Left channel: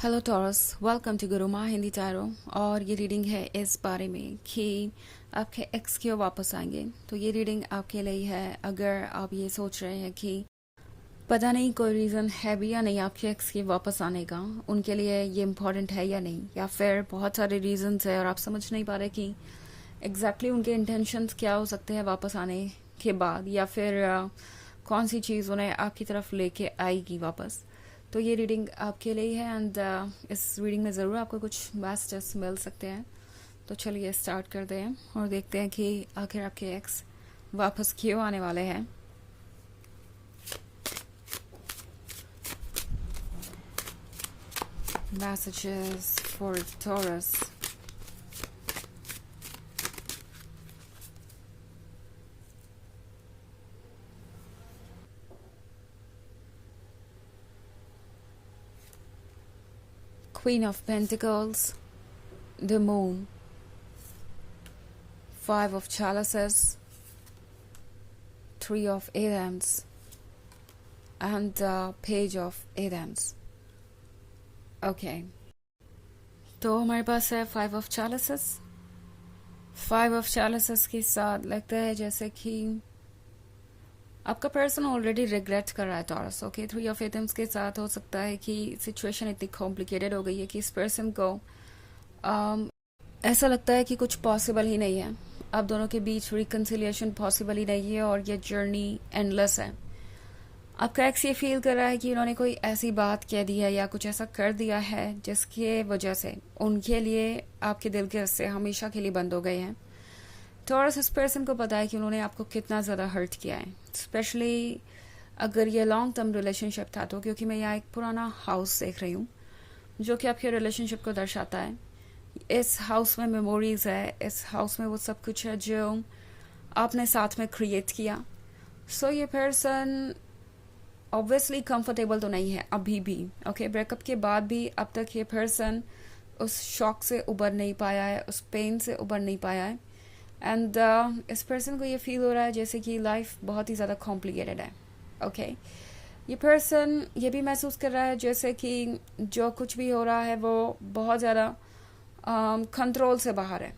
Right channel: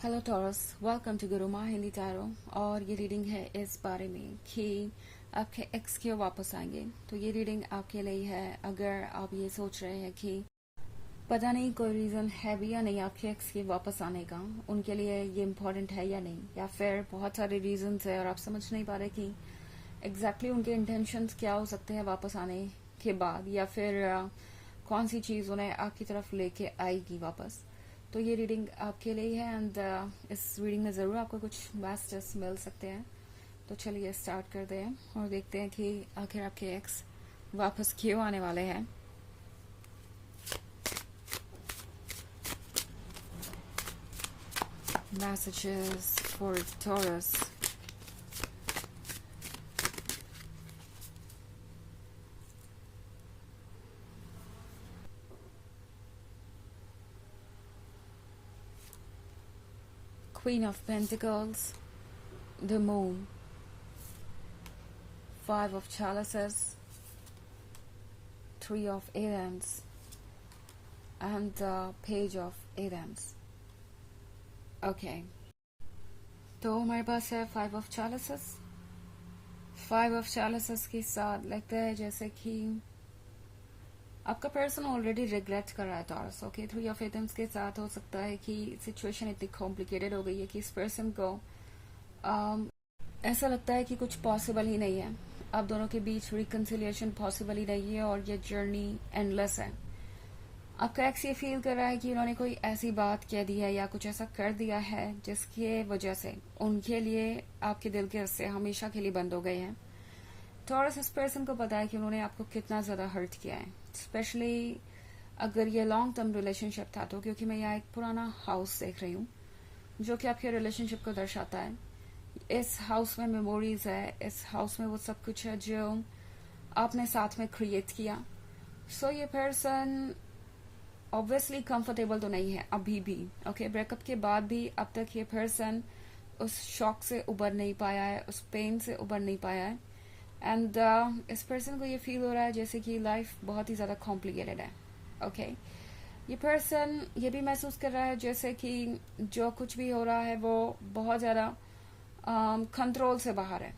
Hello Taurus, welcome to Guruma Hindi tarot. और ये reading है इस बारे में कि आपके एक्स क्यों वापस आएंगे। तो ये रीडिंग आपके लिए है अगर आप ये सोच रहे हैं कि पता नहीं कोई रीज़न है भी या नहीं आपके एक्स के वापस आने का, उनके लिए ये इम्पोर्टेंट है या नहीं, या फिर बहुत सारे रीजंस है और आप समझ नहीं पा रहे कि एग्जैक्टली उनके इंटेंशंस क्या हो सकते हैं वापस आने के बाद, या फिर कौन सी चीज़ उन्हें आपकी तरफ लेके आएगी वापस। तो ये रीडिंग आपके लिए है एंड इस रीडिंग में ज़रूर आपको कुछ मैसेजेस मिल सकते हैं। तो चलिए स्टार्ट करते हैं और देखते हैं कि आखिर आपके एक्स वापस क्यों आने वाले हैं। Messages for taurus. Queen of Pentacles, the Moon, Five of Chalices, Three of Wands, and Page of Wands. Okay. तो हमारे पास है Five of Chalices. Five of Chalices के साथ लगता है जैसे कि आपका पर्सन ऑलरेडी रिग्रेट कर रहा है taurus. Okay, three of atoms के साथ हो सकता है कि सिचुएशन इतनी कॉम्प्लिकेटेड हो गई है कि इस पर्सन को ऐसा लगता है कि कुछ पॉसिबल ही नहीं है, आप दोनों के बीच रिकन्सिलिएशन पॉसिबल ही नहीं है और ये जर्नी एंडलेस है। आपका एक्स ये फील कर रहा है कि उन्होंने कोई ऐसी बात कह दी है या कुछ ऐसा कर दिया है जिसकी वजह से उनके लिए आपके दिल के रस्ते हमेशा के लिए बंद हो गए हैं। टॉरस, इस पर्सन को पता है कि उन्होंने आपको कितना ज़्यादा हर्ट किया है, स्पेशली अगर ये लॉन्ग टर्म रिलेशनशिप था तो, क्योंकि मैं यहाँ एक पुराना हाउस देख रही हूँ जो कि आपके रिलेशनशिप को दर्शाता है। इस हाउस में मेमोरीज है, इस हाउस में वो सब कुछ है जो आपने साथ में क्रिएट किया। सो ये पर्सन ऑब्वियसली कंफर्टेबल तो नहीं है अभी भी। ओके, ब्रेकअप के बाद भी अब तक ये पर्सन उस शॉक से उबर नहीं पाया है, उस पेन से उबर नहीं पाया है। एंड इस पर्सन को ये फील हो रहा है जैसे कि लाइफ बहुत ही ज़्यादा कॉम्प्लिकेटेड है। ओके, ये पर्सन ये भी महसूस कर रहा है जैसे कि जो कुछ भी हो रहा है वो बहुत ज़्यादा कंट्रोल से बाहर है।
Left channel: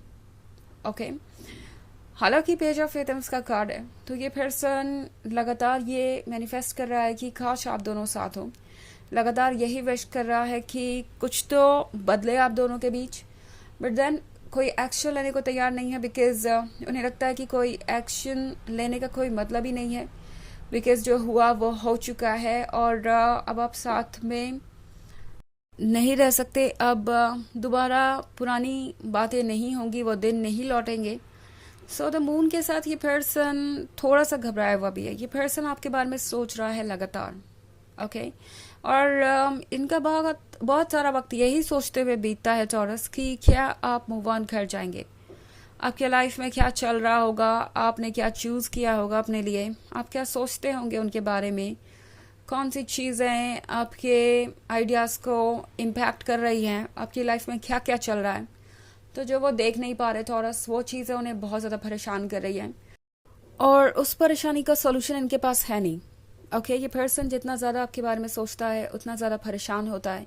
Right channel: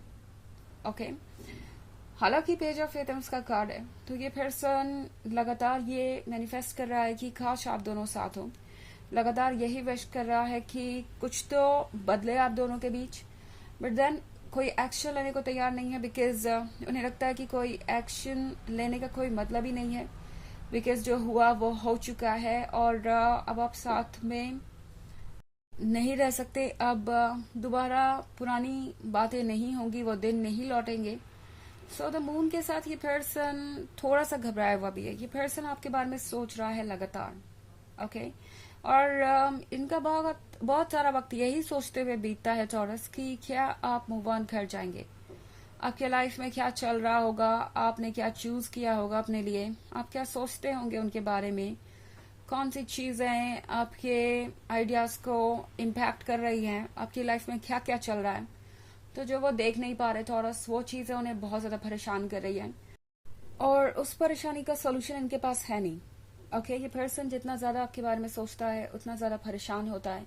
ओके, हालांकि पेज ऑफ एटम्स का कार्ड है तो ये पर्सन लगातार ये मैनिफेस्ट कर रहा है कि काश आप दोनों साथ हो, लगातार यही विश कर रहा है कि कुछ तो बदले आप दोनों के बीच, बट देन कोई एक्शन लेने को तैयार नहीं है बिकॉज उन्हें लगता है कि कोई एक्शन लेने का कोई मतलब ही नहीं है, बिकॉज जो हुआ वो हो चुका है और अब आप साथ में नहीं रह सकते। अब दोबारा पुरानी बातें नहीं होंगी, वो दिन नहीं लौटेंगे। सो द मून के साथ ये पर्सन थोड़ा सा घबराया हुआ भी है। ये पर्सन आपके बारे में सोच रहा है लगातार। ओके, और इनका बहुत सारा वक्त यही सोचते हुए बीतता है टॉरस कि क्या आप मूव ऑन कर जाएंगे, आपके लाइफ में क्या चल रहा होगा, आपने क्या चूज किया होगा अपने लिए, आप क्या सोचते होंगे उनके बारे में, कौन सी चीजें आपके आइडियाज को इम्पैक्ट कर रही हैं, आपकी लाइफ में क्या क्या चल रहा है। तो जो वो देख नहीं पा रहे टॉरस, वो चीजें उन्हें बहुत ज्यादा परेशान कर रही हैं और उस परेशानी का सोल्यूशन इनके पास है नहीं। ओके, ये पर्सन जितना ज़्यादा आपके बारे में सोचता है उतना ज़्यादा परेशान होता है।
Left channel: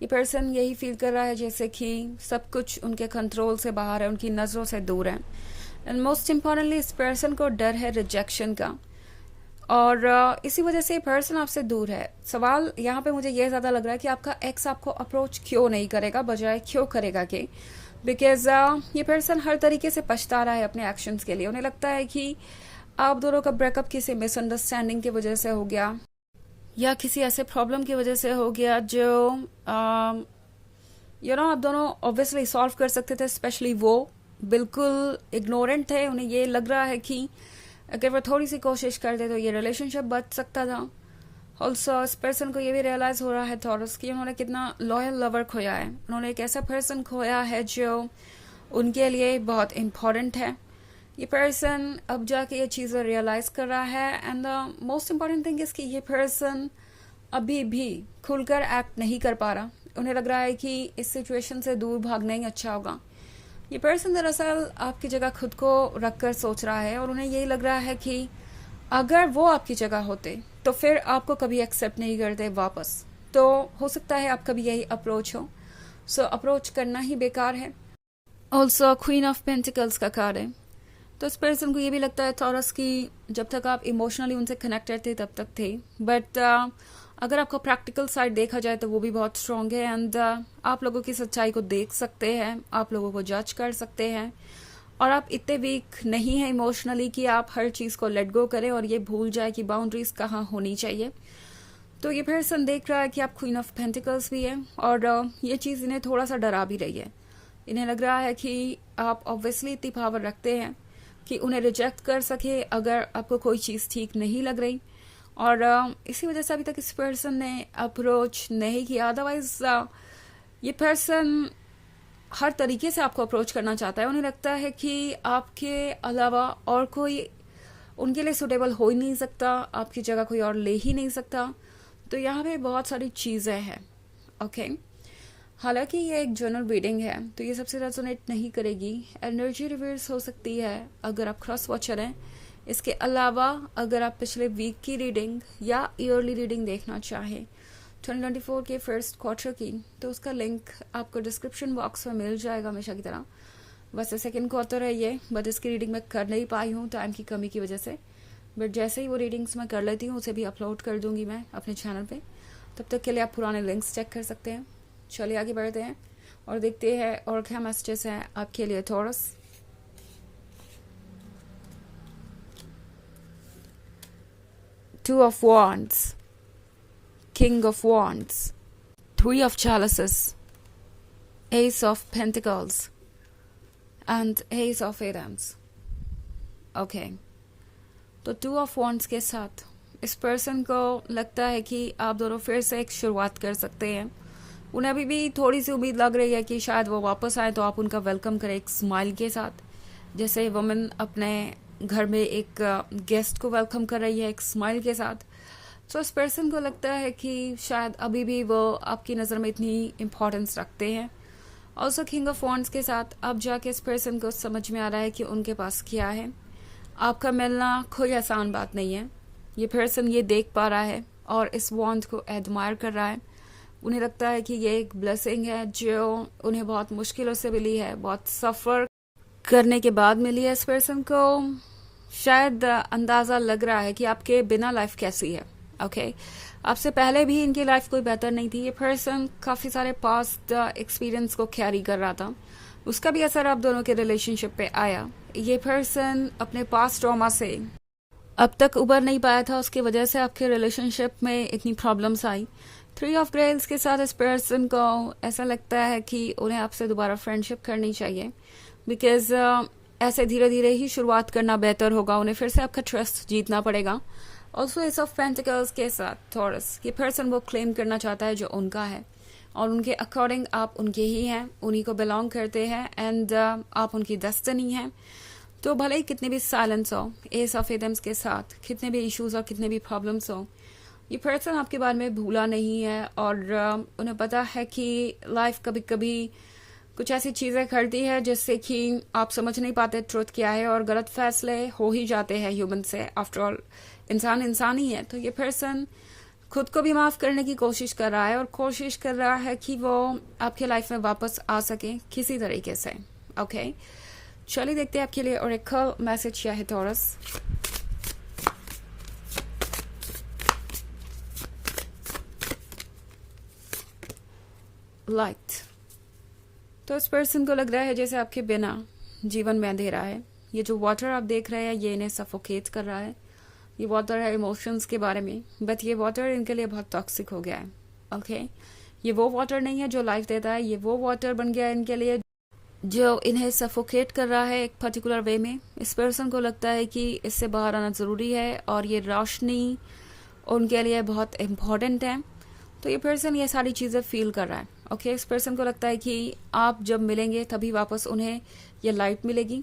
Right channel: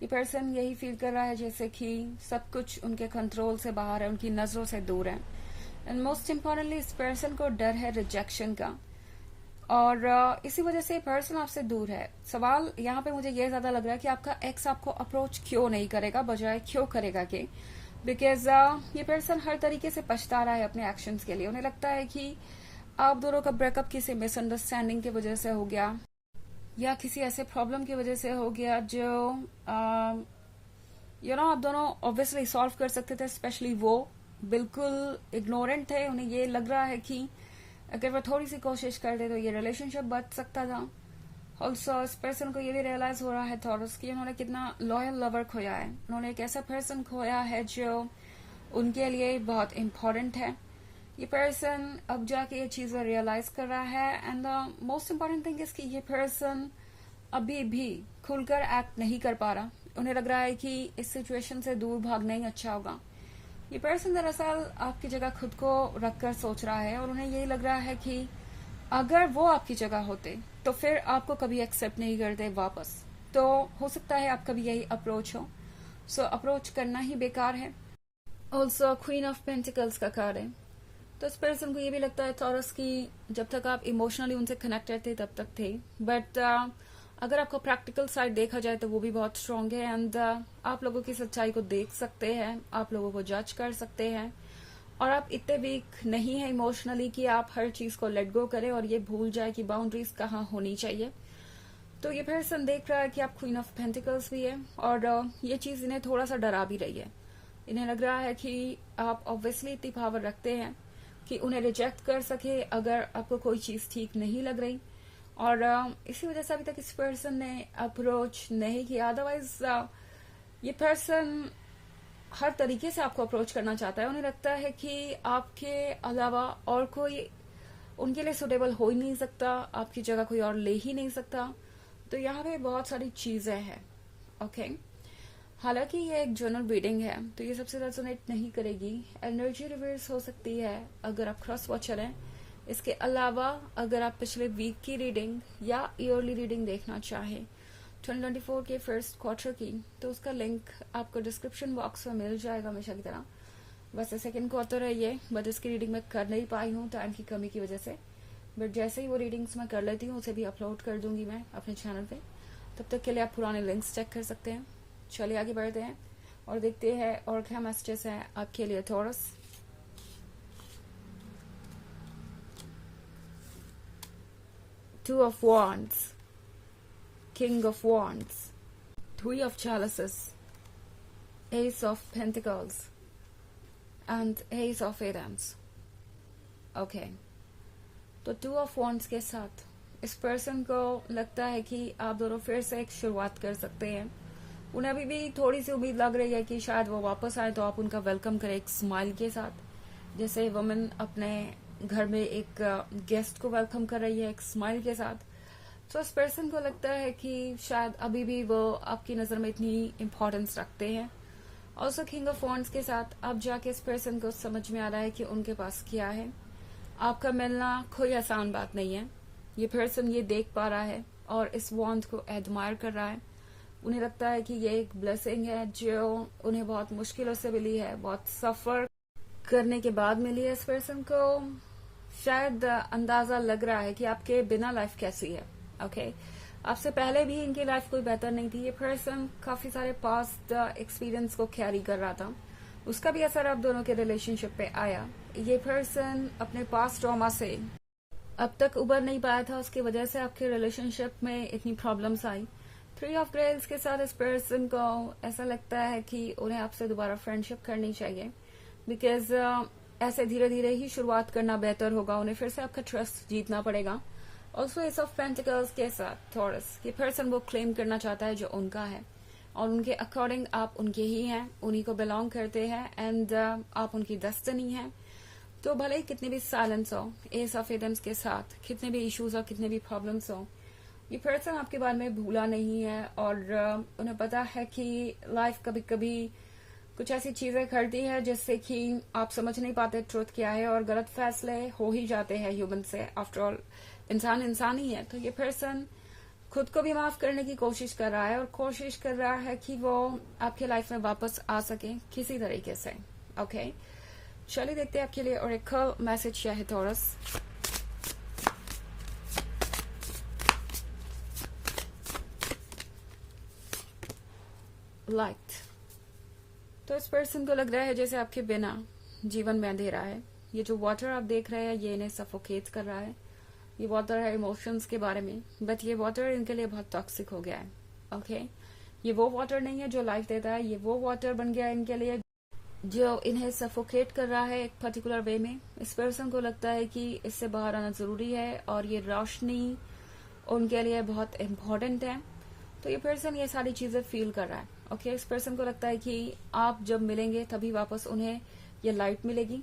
ये पर्सन यही फील कर रहा है जैसे कि सब कुछ उनके कंट्रोल से बाहर है, उनकी नज़रों से दूर है। एंड मोस्ट इम्पॉर्टेंटली इस पर्सन को डर है रिजेक्शन का और इसी वजह से ये पर्सन आपसे दूर है। सवाल यहाँ पे मुझे ये ज़्यादा लग रहा है कि आपका एक्स आपको अप्रोच क्यों नहीं करेगा, बजाय क्यों करेगा कि बिकॉज ये पर्सन हर तरीके से पछता रहा है अपने एक्शंस के लिए। उन्हें लगता है कि आप दोनों का ब्रेकअप किसी मिसअंडरस्टैंडिंग की वजह से हो गया या किसी ऐसे प्रॉब्लम की वजह से हो गया जो आप दोनों ऑब्वियसली सॉल्व कर सकते थे। स्पेशली वो बिल्कुल इग्नोरेंट थे। उन्हें ये लग रहा है कि अगर वो थोड़ी सी कोशिश करते तो ये रिलेशनशिप बच सकता था। ऑल्सो इस पर्सन को ये भी रियलाइज हो रहा है टॉरस कि उन्होंने कितना लॉयल लवर खोया है। उन्होंने एक ऐसा पर्सन खोया है जो उनके लिए बहुत इम्पोर्टेंट है। ये पर्सन अब जाके ये चीज़ें रियलाइज कर रहा है and the most important thing is कि ये पर्सन अभी भी खुलकर एक्ट नहीं कर पा रहा। उन्हें लग रहा है कि इस सिचुएशन से दूर भागना ही अच्छा होगा। ये पर्सन दरअसल आपकी जगह खुद को रखकर सोच रहा है और उन्हें यही लग रहा है कि अगर वो आपकी जगह होते तो फिर आपको कभी एक्सेप्ट नहीं करते वापस। तो हो सकता है आपका भी यही अप्रोच हो। सो अप्रोच करना ही बेकार है। ऑल्सो क्वीन ऑफ पेंटिकल्स का कार्ड है, तो इस पर्सन को ये भी लगता है थॉरस की जब तक आप इमोशनली उनसे कनेक्टेड थे तब तक थे, बट अगर आपको प्रैक्टिकल साइड देखा जाए तो वो भी बहुत स्ट्रांग है। एंड आप लोगों की सच्चाई को देख सकते हैं, आप लोगों को जज कर सकते हैं, और आप इतने वीक नहीं है इमोशनली कि आप हर चीज को लेट गो करें और ये भूल जाए कि बाउंड्रीज कहाँ होनी चाहिए। तो ये पर्सन देख रहा है कि आप क्वीन ऑफ पेंटिकल्स भी है, और ये चीज इन्हें थोड़ा सा डरा भी रही है। इन्हें लग रहा है कि आप ऑब्वियसली इतनी पावर रखते हैं कि उन्हें रिजेक्ट कर सके अगर आपको कोई चीज ठीक नहीं लग रही, और इसी वजह से अभी तक इस पर्सन ने अप्रोच नहीं किया। अदरवाइज ये पर्सन हर तरीके से आपको अप्रोच करना चाहता है। उन्हें लगता है कि आपके अलावा और कोई उनके लिए सुटेबल हो ही नहीं सकता, आपकी जगह कोई और ले ही नहीं सकता। तो यहाँ पे बहुत सारी चीजें हैं। ओके, हालांकि ये एक जनरल रीडिंग है तो ये सबसे रेजोनेट नहीं करेगी। एनर्जी रिवर्स हो सकती है अगर आप क्रॉस वॉचर हैं। इसके अलावा अगर आप पिछले वीक की रीडिंग या ईयरली रीडिंग देखना चाहें 2024 के फर्स्ट क्वार्टर की, तो उसका लिंक आपको डिस्क्रिप्शन बॉक्स में मिल जाएगा हमेशा की तरह। वैसे सेकेंड क्वार्टर है ये, बट इसकी रीडिंग मैं कर नहीं पाई हूँ टाइम की कमी की वजह से, बट जैसे ही वो रीडिंग्स मैं कर लेती हूँ उसे भी अपलोड कर दूंगी मैं अपने चैनल पे। तब तक के लिए आप पुराने लिंक्स चेक कर सकते हैं। चलिए आगे बढ़ते हैं और देखते हैं और क्या मैसेजेस हैं आपके लिए taurus. Two of Wands, King of Wands, Three of Chalices, Ace of Pentacles, and Ace of Wands. Okay, तो Two of Wands के साथ इस पर्सन को लगता है कि आप दोनों फिर से एक शुरुआत कर सकते हैं। उन्हें अभी भी थोड़ी सी उम्मीद लग रही है कि शायद वो वापस आए तो आप उनका वेलकम करें एक स्माइल के साथ, जैसे वुमेन अपने घर में एक गेस्ट को वेलकम कर रही है एक स्माइल के साथ। तो इस पर्सन को लगता है कि शायद अभी भी वो आपकी नज़र में इतनी इम्पोर्टेंस रखते हैं। ऑल्सो किंग ऑफ वॉन्ड्स के साथ अब जाके इस पर्सन को समझ में आ रहा है कि उनके पास क्या है। आपका मिलना कोई आसान बात नहीं है। ये पर्सन ये देख पा रहा है और इस वॉन्ड को एडमायर कर रहा है। उन्हें लगता है कि ये एक ब्लेसिंग है जो उन्हें बहुत मुश्किलों से मिली है, बहुत सफर करने के बाद मिली है। इस पर्सन को शायद अंदाजा लग रहा है कि आपके बिना लाइफ कैसी है। ओके, आपसे पहले भी इनकी लाइफ कोई बेहतर नहीं थी। ये पर्सन काफी सारे पास्ट एक्सपीरियंस को कैरी कर रहा था, उसका भी असर आप दोनों के रिलेशनशिप पे आया। ये पर्सन अपने पास्ट ट्रॉमा से अब तक उबर नहीं पाया था, उसकी वजह से आपके रिलेशनशिप में इतनी प्रॉब्लम्स आई। थ्री ऑफ ग्रेल्स के साथ इस पर्सन को ऐसा लगता है कि उन्हें आपसे दोबारा फ्रेंडशिप करनी चाहिए, बिकॉज ऐसे धीरे धीरे ही शुरुआत करना बेहतर होगा। उन्हें फिर से आपका ट्रस्ट जीतना पड़ेगा। ऑल्सो एस ऑफ पेंटिकल्स के साथ थॉरस, ये पर्सन वो क्लेम करना चाहता है जो उनका है, और उनके अकॉर्डिंग आप उनके ही हैं, उन्हीं को बिलोंग करते हैं, एंड आप उनकी डेस्टिनी हैं। तो भले ही कितने भी साइलेंस हो, एस ऑफ एडम्स के साथ कितने भी इश्यूज हो, कितने भी प्रॉब्लम्स हो, ये पर्सन आपके बारे में भूला नहीं है, और उन्हें पता है कि लाइफ कभी कभी कुछ ऐसी चीजें करती है जिससे कि आप समझ नहीं पाते ट्रुथ क्या है, और गलत फैसले हो ही जाते हैं ह्यूमन से। आफ्टर ऑल इंसान इंसान ही है। तो ये पर्सन खुद को भी माफ करने की कोशिश कर रहा है, और कोशिश कर रहा है कि वो आपके लाइफ में वापस आ सके किसी तरीके से। ओके, चलिए देखते हैं आपके लिए ओरेकल मैसेज क्या है टॉरस। लाइट, तो इस पर्सन को लग रहा है जैसे आपके बिना जीवन में अंधेरा है। ये जो वाटर आप देख रहे हैं ये इन्हें सफोकेट कर रहा है। ये वाटर है इमोशंस के बारे में, बट ये वाटर इनके लिए बहुत टॉक्सिक हो गया है। ओके, ये वो वाटर नहीं है जो लाइफ देता है, ये वो वाटर बन गया है इनके लिए जो इन्हें सफोकेट कर रहा है एक पर्टिकुलर वे में। इस पर्सन को लगता है कि इससे बाहर आना जरूरी है, और ये रोशनी उनके लिए बहुत इम्पोर्टेंट है। तो ये पर्सन ये सारी चीजें फील कर रहा है। ओके, इस पर्सन को लगता है कि आप जब मिलेंगे तभी वापस उन्हें ये लाइट मिलेगी,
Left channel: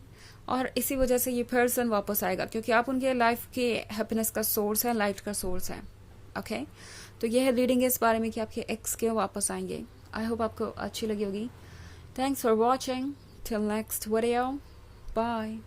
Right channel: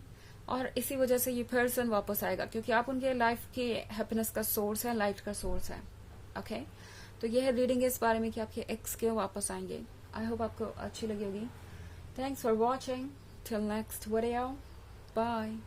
और इसी वजह से ये पर्सन वापस आएगा, क्योंकि आप उनके लाइफ के हैप्पीनेस का सोर्स है, लाइट का सोर्स है। ओके, तो ये है रीडिंग इस बारे में कि आपके एक्स क्यों वापस आएंगे। आई होप आपको अच्छी लगी होगी। Thanks for watching, till next video, bye.